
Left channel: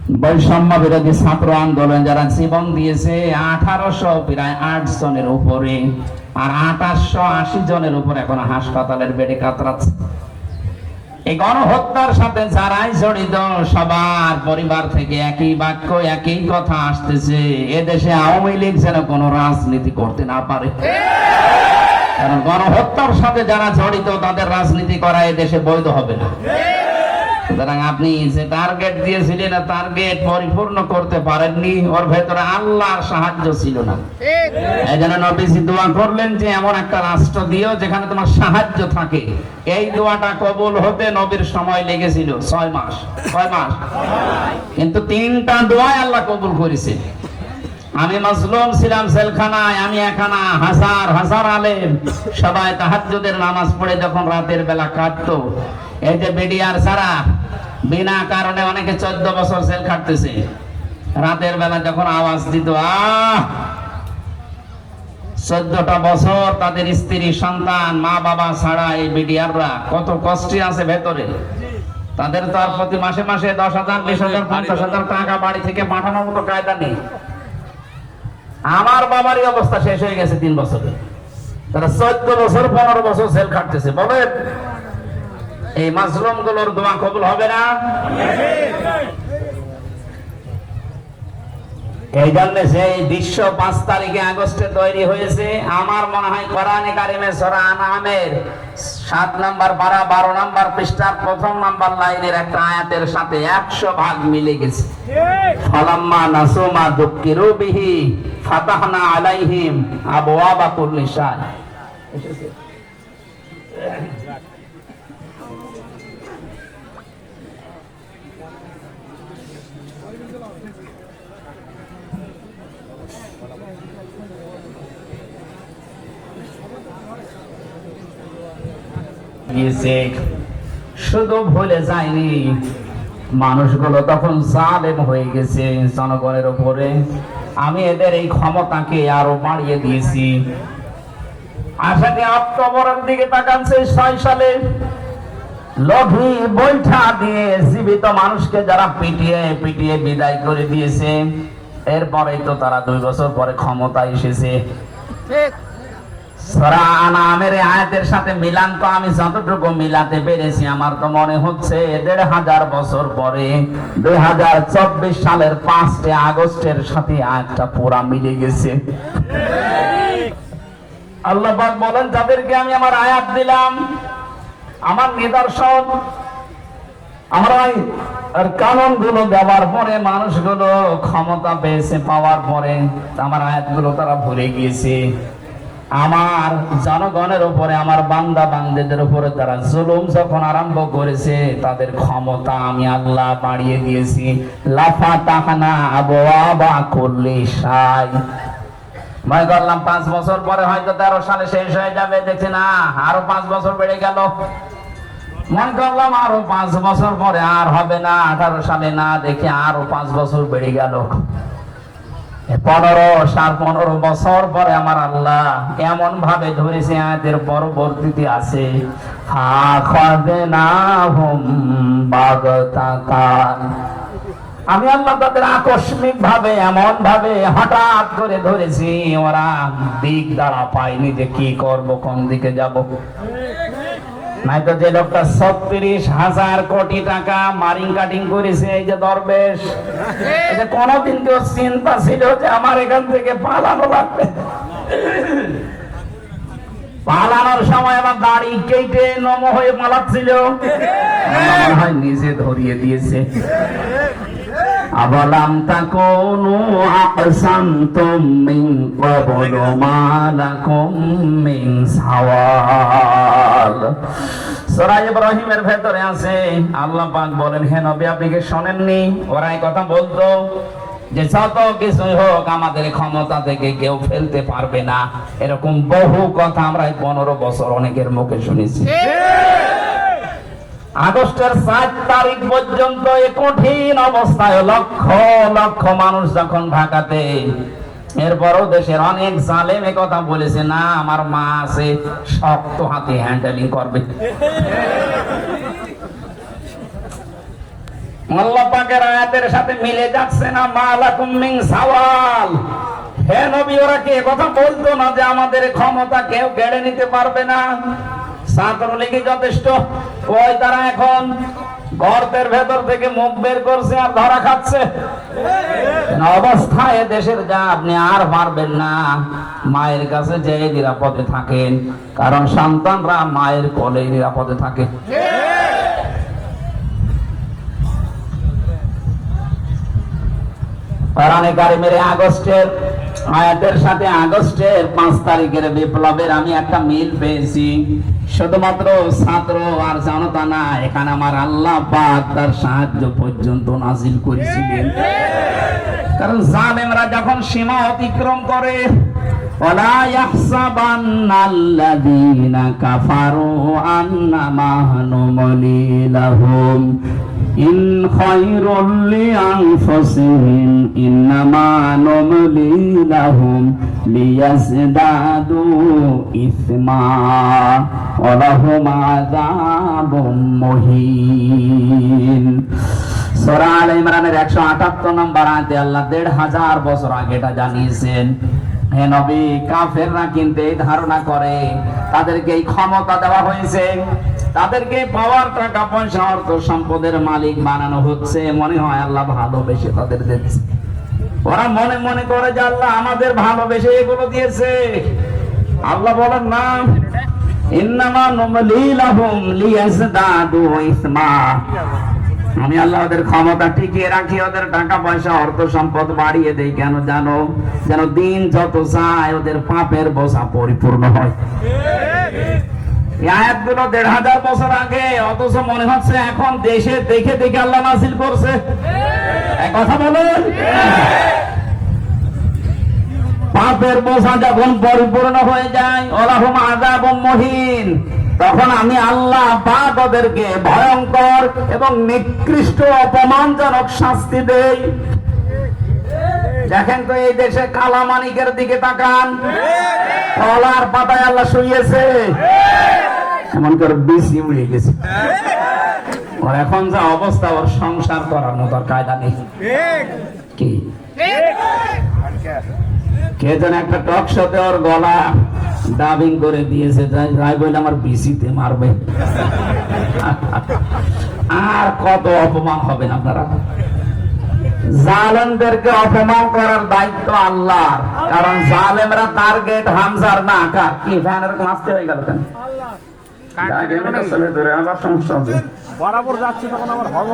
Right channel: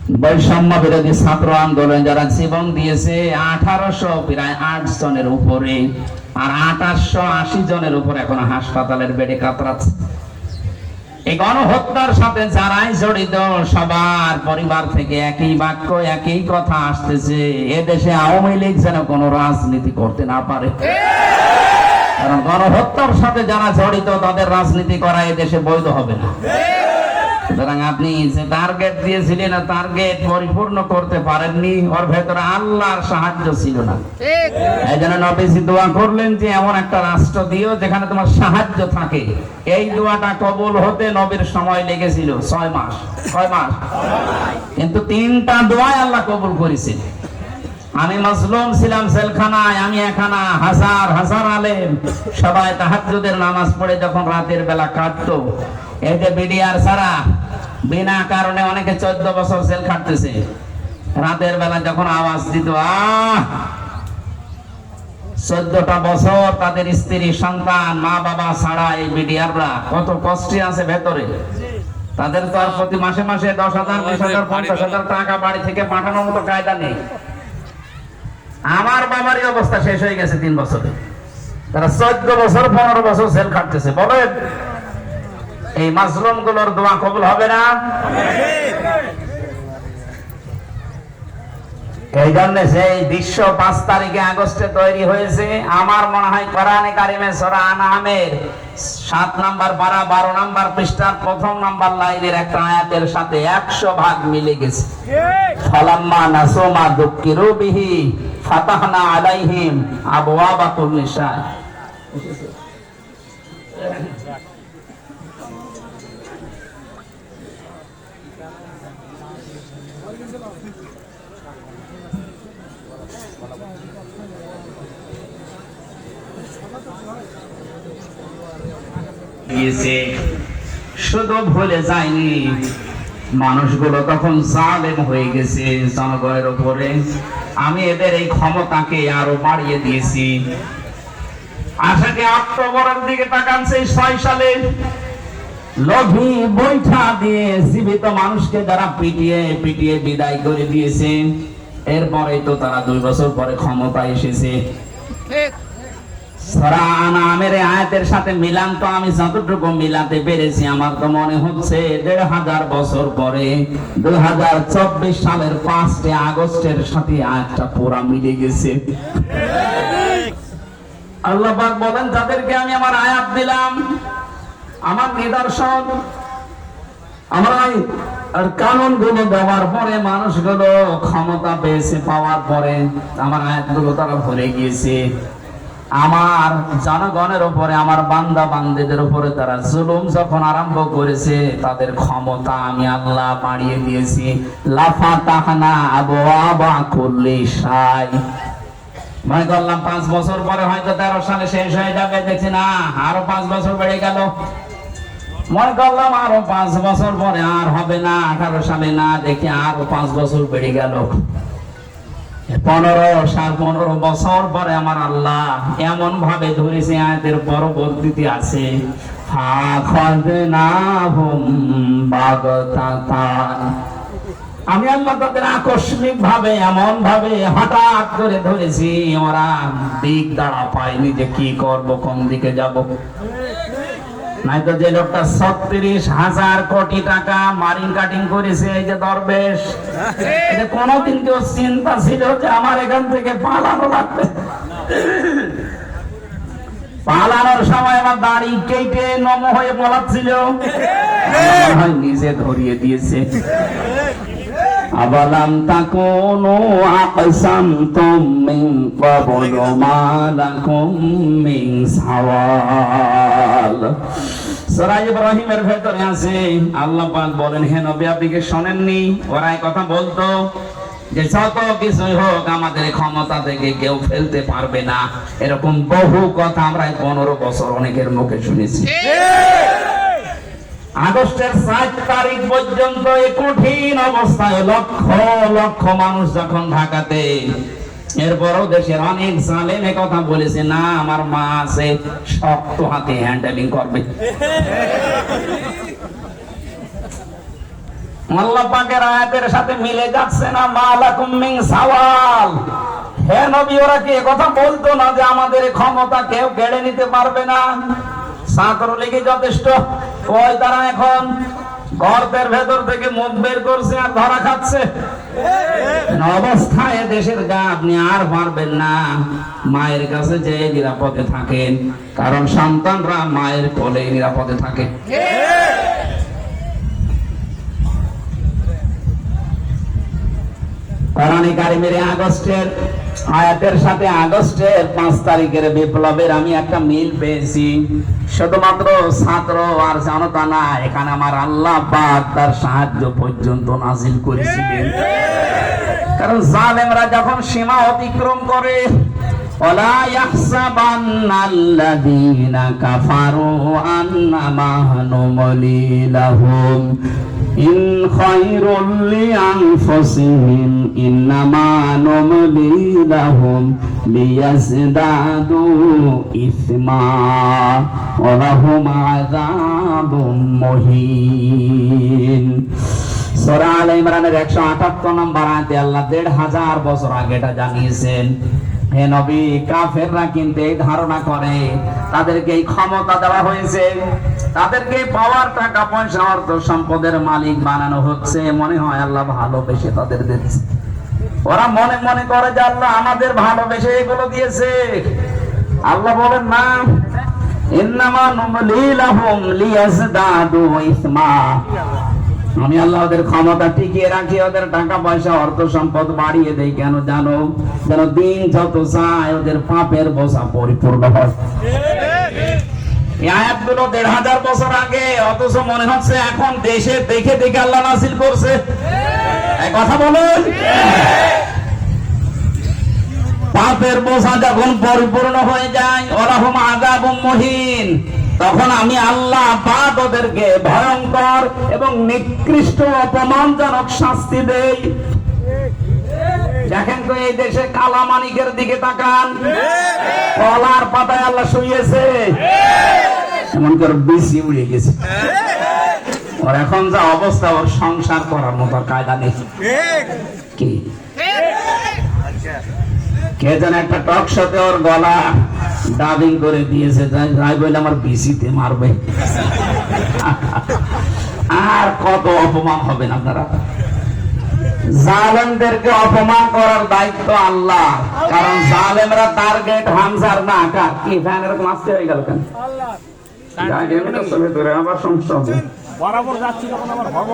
বৈষম্য বিরোধী ছাত্র আন্দোলন যারা জীবন দিয়েছে 1800 প্রায় 8 জনের উপরে, আর 2880 জনের উপর এখন হাসপাতালের বেডে কাতরাচ্ছে। এই গণহত্যার সাথে যারাই জড়িত সবার পরিবার থেকে একই বাক্য একই কথা আসতেছে, এদেশে আওয়ামী লীগ যেন কোনো রাজনীতি করতে না পারে। কারণ গণহত্যার সাথে যারা জড়িত তাদের রাজনীতি করা এই দেশে বৈধ হবে না। সুতরাং আপনি যে টার্গেট দিয়েছিলেন টার্গেট পরিপূর্ণ করতে পারেননি, ওর ভেতরে আল্লাহর সাহায্য ছিল না। এই জন্য নবীজি দোয়া করলেন যে এমন একটা রাষ্ট্র দিও যেখানে তোমার সাহায্য থাকে। এই দোয়াটা কবুল হতে নবীর সময় লেগেছিল 6 মাস। 6 মাস, কিন্তু 3টা দোয়া আল্লাহ কবুল করেছে। আমি মাজলুম ছিলাম জেলখানায়, আমি এখানা হাজার হাজার আলেম সবাই তাহাজ্জুদের নামাজ পড়ে যখন রাতের বেলা কাটতো, এই যে বিডিআর ছাড়া বিনা কারণে অনেকে 14 বছর জেল কাটতেছে, রাতের বেলা যখন আওয়াজ দিত 14টা বছর তাদের স্ত্রী সন্তান মা বাবা ছাড়া এই বিডিআররা কত কষ্টে আছে ভেতরে। তাদের তো আর প্রতি মাসে মাসে 10,000 20,000 50,000 টাকা বাড়ি থেকে পাঠানোর মতো কায়দা নেই। আমার বাবারই অবস্থা শেষ হয়ে গেছে 3 বছরে, তারা 14 বছর 15 বছর জেল কাটতেছে। বলেন এই মাজলুম গুলোর দোয়া কবুল হবে না? এই জন্য সেই বিশ্ব 5 তারিখে আগস্টে তৈরি হয়েছে। আমার মনে হয় কোরআনে কারিমে সূরা আনআমের 7 নাম্বার পারা 12 নাম্বার পৃষ্ঠার 1ম নাম্বার লাইনের একটা আয়াতের সাথে 100 ভাগ মিলে গেছে। ফালাম্মা নাসুমা দুক্কিরু বিহি ফাতাহনা আলাইহিম আবওয়াবা কুল্লি শাই। শুধু ভুলে যায়নি, মানুষগুলো তখন জালেম হয়ে গেছে জনগণের উপরে। আমি এদের এই ক্ষমতাকে আরো বাড়িয়ে দিয়েছি। আশাকে অক্টোবরের দিকে তাকান, সেই 6 সালে লঘি বৈঠা দিয়ে জীবিত মানুষকে যারা পিটিয়ে পিটিয়ে বিদায় করে দিয়েছে, এরপরেই তো তারা 2 বছর পরে ক্ষমতায় এসেছে। সূরা আনআমের আয়াতের সাথে মিলান তো আমি যতটুকু মিলাতে পেরেছি, আমার তো মনে হচ্ছে 1500 বছর পরে 2024 সালের 5 আগস্টের সাথে আয়াতটা পুরা মিলে গেছে। আল্লাহ পাক বলেন, যাদেরকে আমি আমার আয়াত দিলাম, আমার নিদর্শন, আমার আর কানুন গুলো দেওয়ার পরে মানুষগুলো ক্ষমতা পেয়েছে, পাওয়ার পরে আমার আয়াতগুলো তারা ভুলে গিয়েছে। আমার জনগণের উপরে, আমার বান্দা বান্দিদের উপরে তারা জুলুম যখন আরম্ভ করেছে, তাদের ক্ষমতা আমি আল্লাহ বাড়িয়ে দিয়েছি। লাফাতাহনা আবওয়াবা কুল্লি শাই। মনে করলাম 5 বছর পরে হয়তো 13 সালে শেষ হয়ে যাবে, দেখছি না আরো 5 বছর বেড়ে গেল। মনে করলাম আরো 5 বছর পরে আর হবে না, 18 সালে না, দেখি আরো 5 বছর বেড়ে গেল। 15 বছর পরে আমার আল্লাহ এমন ভাবে ধরেছে, আয়াতের পরবর্তীতে আছে আমি আল্লাহ তাদের আকস্মিক ভাবে এমন ভাবে হঠাৎ করে ধরেছি, ওরা দিক দাঁড়া পায়নি যে কি করব, কোন দিকে যাব। নাই তো যে লোকটা 36,000 কোটি টাকা মারিং কাটিং করেছে, এই যে দরবেশ, এটা কোনদিন কেউ চিন্তা ছিল যে আমার এখান থেকে পালানো লাগবে? পালানোর সময় আমার দাড়ি কেটে নম হয়ে পালাচ্ছিল, নিজে ধরিয়ে দিয়েছে। আবালাম তাকুনু আকসামতুম মিন ক্বাবলু মা লাকুম মিন সাওয়াল। সূরা ইব্রাহিমের ভেতরে আছে, আল্লাহ পাক বলেন, হে নবী আপনি কি শোনেননি? ওরা এই কথা বলতো যে যত কিছুই হোক আমাদের ক্ষমতা থেকে কেউ ফেলতে পারবে না। এরকম বহু কথা আমরা 15 বছর অনেকের মুখে শুনেছি। আগস্টের 7 তারিখ পর্যন্ত এই কঠিন অবস্থায় লক্ষ লক্ষ মানুষ যখন ঢাকাতে, এরপরও দেশের অনেক জালেম কথা বলেছে, না আমার মা আছে, শক্ত হাতে হ্যান্ডেলিং করবে। আল্লাহ পাকের আয়াতের সাথে মিলে যাচ্ছে না। মালাকুম মিন সাওয়াল। হে নবী, ওরা কি কথা বলতো না যে আমাদের ক্ষমতা কেউ কেড়ে নিতে পারবে না? ছাত্রলীগই যথেষ্ট। ওই তারা এখন গর্তের ভেতর থেকে মুখ বের করছে আর ধরা খাচ্ছে। অবস্থায় দেশের যা আপনি আর পারবেন না। মায়ের কাছে যে নিরাপদে থাকেন, কারণ সন্তানরা মায়ের কোলে নিরাপদে থাকে। কোরআনে কারিমের আগস্টের আয়াতের সাথে আগস্টের 5 তারিখের বিপ্লবের আমি একটা মিল পেয়েছি। শুধুমাত্র ছাত্র আর জনতা না, এখানে আমার আল্লাহ পাক তার সাহায্য পর্যন্ত নাজিল করেছিলেন। কারণ জালেমরা যখন সীমা অতিক্রম করে, ওয়ালা ইয়াহসাবান্নাল্লাযীনা কাফারু আন্নামা নুমলি লাহুম ইন খায়রুল লিআনফুসিহিম ইন্নামা নুমলি লাহুম লিয়াজদাদু ইসমা ওয়া লাহুম আযাবুম মুহিন। সূরা আলে ইমরানের 178 নম্বর আয়াতে আল্লাহ 1500 বছর আগে এটা জানিয়েছেন। হে নবী, কাফেররা কিন্তু এই ধারণা করে তাদেরকে এই ক্ষমতা দেওয়া হয়েছে, তাদেরকে পাওয়ার, টাকা পয়সা, অর্থ সম্পদের মালিক বানানো হচ্ছে। মনে হয় আল্লাহ ভালোবেসে তাদের দিচ্ছে। ওরা মনে মনে করে যে আল্লাহ আমাদের ভালোবেসে এগুলো দিয়েছে। আল্লাহ বলেন না, ইন্নামা নুমলি লাহুম লিয়াজদাদু ইসমা। আমি আল্লাহ ওদের ক্ষমতা টিকিয়ে রাখি, ওদের টাকা পয়সা, অর্থ সম্পদ বাড়িয়ে দেই। কেন জানো? যেন দিন যত যায় ওদের পাপের বোঝা পরিপূর্ণ হয়। এই আয়াতগুলো 1500 বছর আগে, অথচ মনে হচ্ছে এখন দেশে দেখে দেখে আল্লাহ নাযিল করছে। এই কথা বলেন, পাপের বোঝা যখন পরিপূর্ণ হয়ে যায়, ওয়ালাহুম আযাবুম মুহিন, তখন আমি আল্লাহ পাক ওদেরকে ভয়ঙ্কর এবং নিকৃষ্ট অপমানজনক শাস্তি দেই। দেখেন তো এই দেশে কালা মানিকের দিকে তাকান, কলার পাতায় আল্লাহ শুইয়েছে, এমন করে বিসি উড়ে গেছে। ওর এখন যা অবস্থা, ওর সংসার করার মতো কায়দা নেই। কি কে যেন একটা টক শোতে ওর গলা ডাবিং করে দিয়েছে, যাই বলে আমার বিসিতে মারবে। আর কত অপমান হবে না আপনারা? জালেমদেরকে অপমান করার দায়িত্ব আল্লাহ, কারণ জালেমরা টার্গেট হামজার না কার। কি ফ্যান এরকম আসতে হয়ে গেল কেন? আবার সমস্যা হবে। বরাবর যাচ্ছি তখন আবার হব।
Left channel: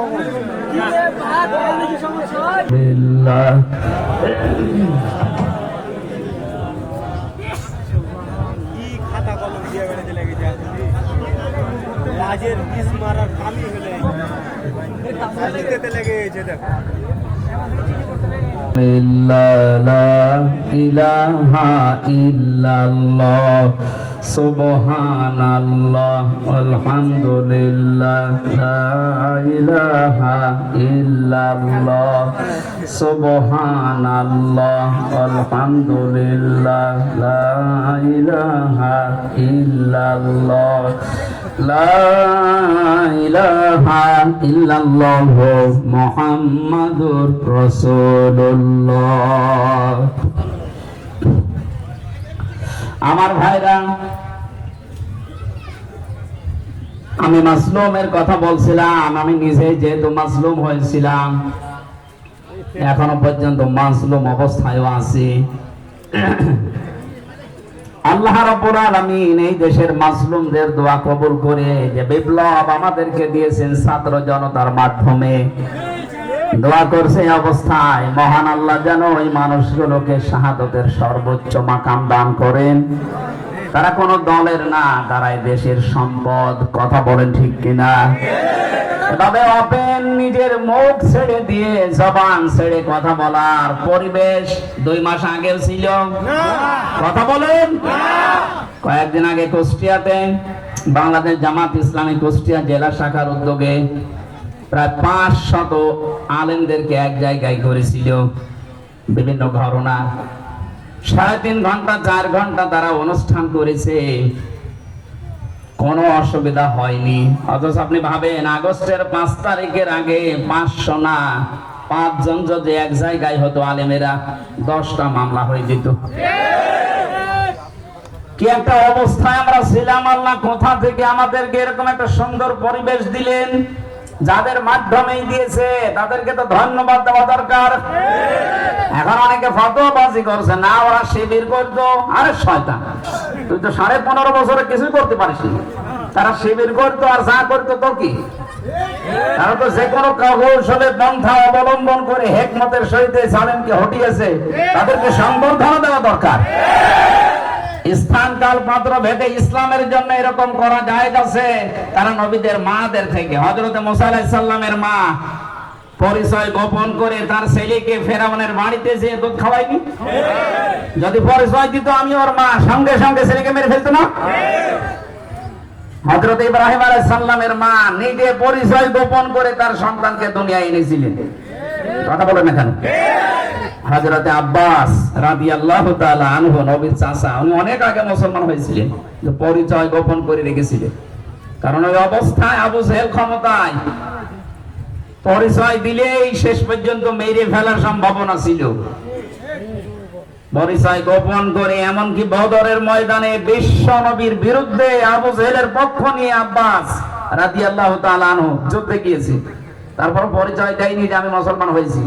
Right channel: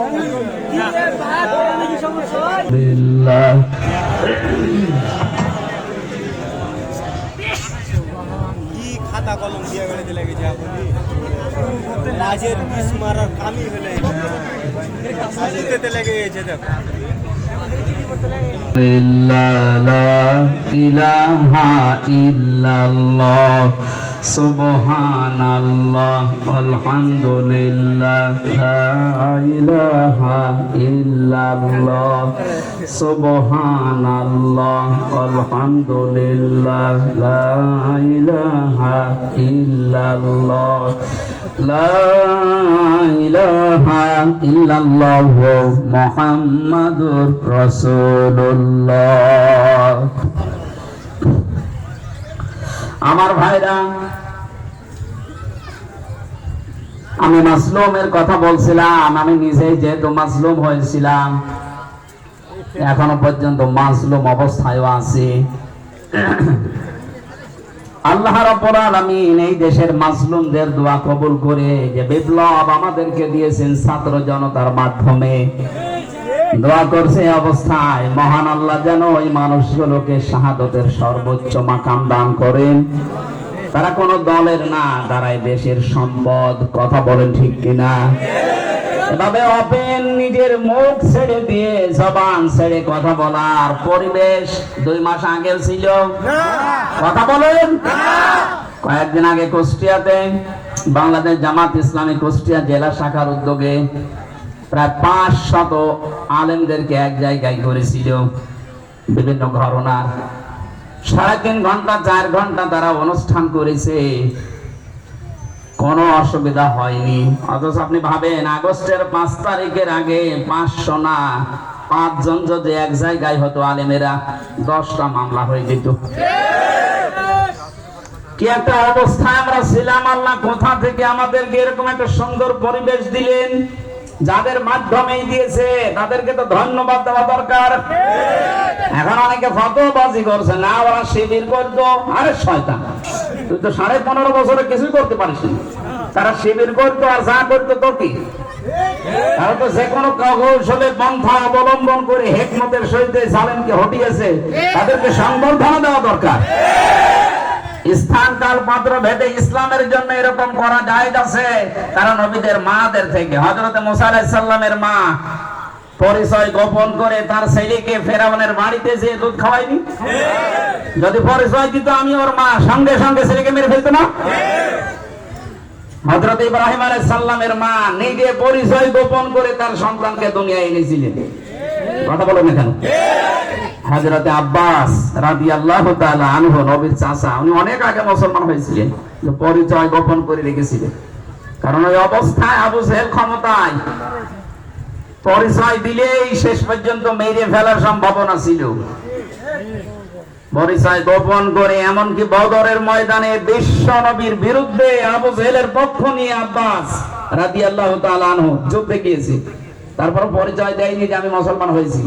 রাজের বিষ মারার কামই হলে লেগেছে। দেখো ইলাহা ইল্লাল্লাহ সুবহানাল্লাহ আলহামদুলিল্লাহ লা ইলাহা ইল্লাল্লাহ সুবহানাল্লাহ আলহামদুলিল্লাহ লা ইলাহা ইল্লাল্লাহ লা ইলাহা ইল্লাল্লাহ মুহাম্মাদুর রাসূলুল্লাহ। আমার ভাইরা, আমি মাসলুমের কথা বলছিলাম। আমি নিজে যেহেতু মাসলুম হয়েছিলাম, এখনো পর্যন্ত মাসলুম অবস্থায় আছি। আল্লাহ রাব্বুল আলামিন এই দেশের মাসলুমদের দোয়া কবুল করে যে বিপ্লব আমাদেরকে দিয়েছেন ছাত্র জনতার মাধ্যমে, দোয়া করছে অবস্থায় মহান আল্লাহ যেন ওই মানুষগুলোকে শাহাদতের সর্বোচ্চ মাকাম দান করেন। তারা কোন দলের না, তারা দেশের সম্পদ। কথা বলেন ঠিক কিনা? তবে ওপেন নিজের মুখ ছেড়ে দিয়ে জবান ছেড়ে কথা বলার পরিবেশ 2 মাস আগে ছিল? কথা বলেন। কয়েকদিন আগে কুষ্টিয়াতে বাংলাদেশ জামাত ইসলামী কুষ্টিয়া জেলা শাখার উদ্যোগে প্রায় 500 আলেমদেরকে এক জায়গায় করেছিল বিভিন্ন ঘটনা। 3.5 ঘন্টা 4 ঘন্টা তারা অনুষ্ঠান করেছে। কোনো অসুবিধা হয়নি। অথচ আপনি ভাবেন আগস্টের 5 তারিখের আগে 500 না 5 জন যদি এক জায়গায় হতো আলেমেরা, 10টা মামলা হয়ে যেত। কি একটা অবস্থায় আমরা ছিলাম! আল্লাহ কোথা থেকে আমাদেরকে এরকম একটা সুন্দর পরিবেশ দিলেন, যাদের মাধ্যমেই দিয়েছে তাদেরকে তো ধন্যবাদ দেওয়া দরকার। এখন অনেকে ফতোয়াবাজি করছে, না ওরা শিবির করতো। আরে শয়তান, তুই তো 15.5 বছরে কিছুই করতে পারিস না। তারা শিবির করতো আর যা করতো তো কি, তারা তো যে কোনো কৌশলে পন্থা অবলম্বন করে হেকমতের সহিত সালেমকে হটিয়েছে, তাদেরকে সংবর্ধনা দেওয়া দরকার। স্থান কাল পাত্র ভেদে ইসলামের জন্য এরকম করা জায়েজ আছে। কারণ নবীদের মাদের থেকে হযরত মুসা আলাইহিস সালামের মা পরিচয় গোপন করে তার ছেলেকে ফেরাউনের বাড়িতে যেয়ে দুধ খাওয়ায়নি? যদি পরিচয় দিত আমি ওর মা, সঙ্গে সঙ্গে ছেলেকে মেরে ফেলতো না? হযরত ইব্রাহিম আলাইহিস সালামের মা নিজে পরিচয় গোপন করে তার সন্তানকে দুনিয়ায় এনেছিলেন। কথা বলেন না কেন? হযরত আব্বাস রাদিয়াল্লাহু তাআলা আনহু, নবীর চাচা, উনি অনেক আগে মুসলমান হয়েছিলেন, যে পরিচয় গোপন করে রেখেছিলেন। কারণ ওই অবস্থায় আবু জেহেল ক্ষমতায়, পরিচয় দিলেই শেষ পর্যন্ত মেরে ফেলার সম্ভাবনা ছিল। পরিচয় গোপন করে এমনকি বদরের ময়দানে বিশ্ব নবীর বিরুদ্ধে আবু জেহেলের পক্ষ নিয়ে আব্বাস রাদিয়াল্লাহু তাআলা আনহু যুদ্ধে গিয়েছে। তারপর পরিচয় দেয়নি যে আমি মুসলমান হয়েছি।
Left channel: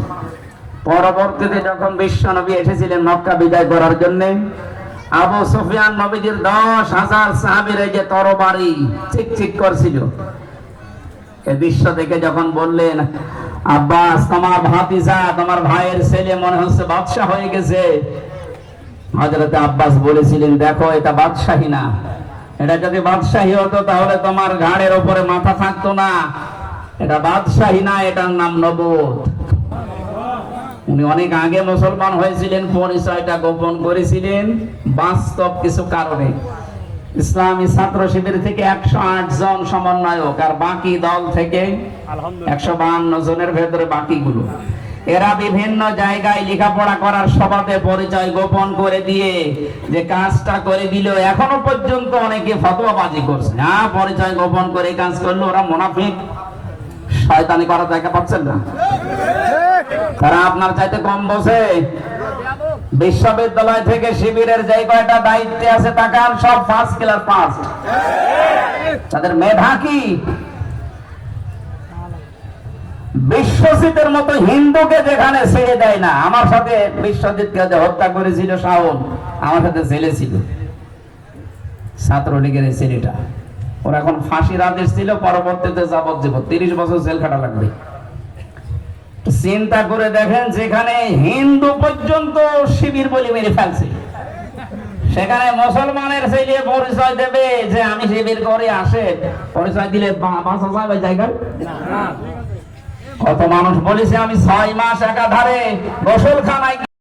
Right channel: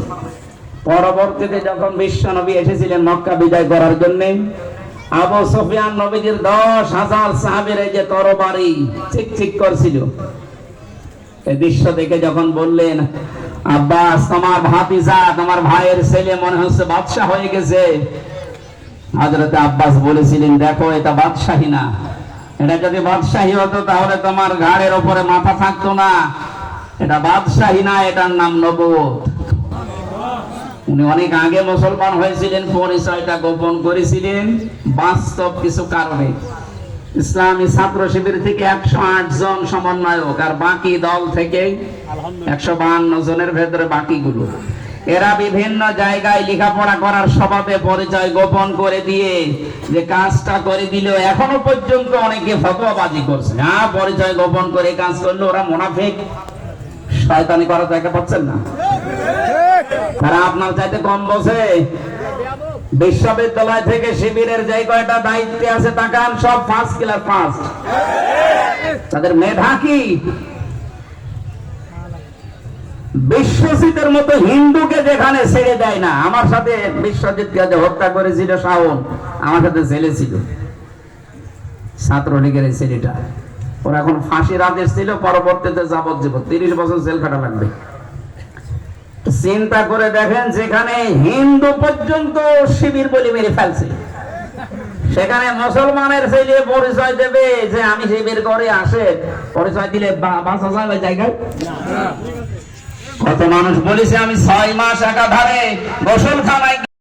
পরবর্তীতে যখন বিশ্ব নবী এসেছিলেন মক্কা বিজয় করার জন্য, আবু সুফিয়ান নবীজির 10,000 সাহাবীর যে তরবারি চিকচিক করছিল, এই দৃশ্য দেখে যখন বললেন, আব্বাস তোমার ভাতিজা, তোমার ভাইয়ের ছেলে মনে হচ্ছে বাদশা হয়ে গেছে। হযরত আব্বাস বলেছিলেন, দেখো এটা বাদশাহী না, এটা যদি বাদশাহী হতো তাহলে তোমার ঘাড়ের উপরে মাথা থাকতো না। এটা বাদশাহী না, এটার নাম নবুয়ত। উনি অনেক আগে মুসলমান হয়েছিলেন, পরিচয়টা গোপন করেছিলেন বাস্তব কিছু কারণে। ইসলামী ছাত্র শিবির থেকে 108 জন সমন্বয়ক, আর বাকি দল থেকে 152 জনের ভেতরে বাকিগুলো, এরা বিভিন্ন জায়গায় লেখাপড়া করার স্বভাবে পরিচয় গোপন করে দিয়ে যে কাজটা করে দিল, এখনো পর্যন্ত অনেকে ফতোয়াবাজি করছে। হ্যাঁ, পরিচয় গোপন করে কাজ করলো, ওরা মুনাফিক, শয়তানি করা দেখা পাচ্ছেন না? তারা আপনার চাইতে কম বোঝে। বিশ্ববিদ্যালয় থেকে শিবিরের যে কয়টা দায়িত্বে আছে তাকান, সব ফার্স্ট ক্লাস পাস। তাদের মেধা কি? বিশ্বজিতের মতো হিন্দুকে যেখানে ছেড়ে দেয় না। আমার সাথে বিশ্বজিৎকে যে হত্যা করেছিল শাওন, আমার সাথে জেলে ছিল, ছাত্রলীগের এই ছেলেটা। ওরা এখন ফাঁসির আদেশ ছিল, পরবর্তীতে যাবজ্জীবন 30 বছর জেল কাটা লাগবে। চিন্তা করে দেখেন, যেখানে হিন্দু পর্যন্ত শিবির বলে মেরে ফেলছে, সেখানে মুসলমানের ছেলে পরিচয় দেবে যে আমি শিবির করে আসে, পরিচয় দিলে বাঁচা যাবে জায়গায়? কত মানুষ বলেছে আমি 6 মাস একাধারে গোসলখানায়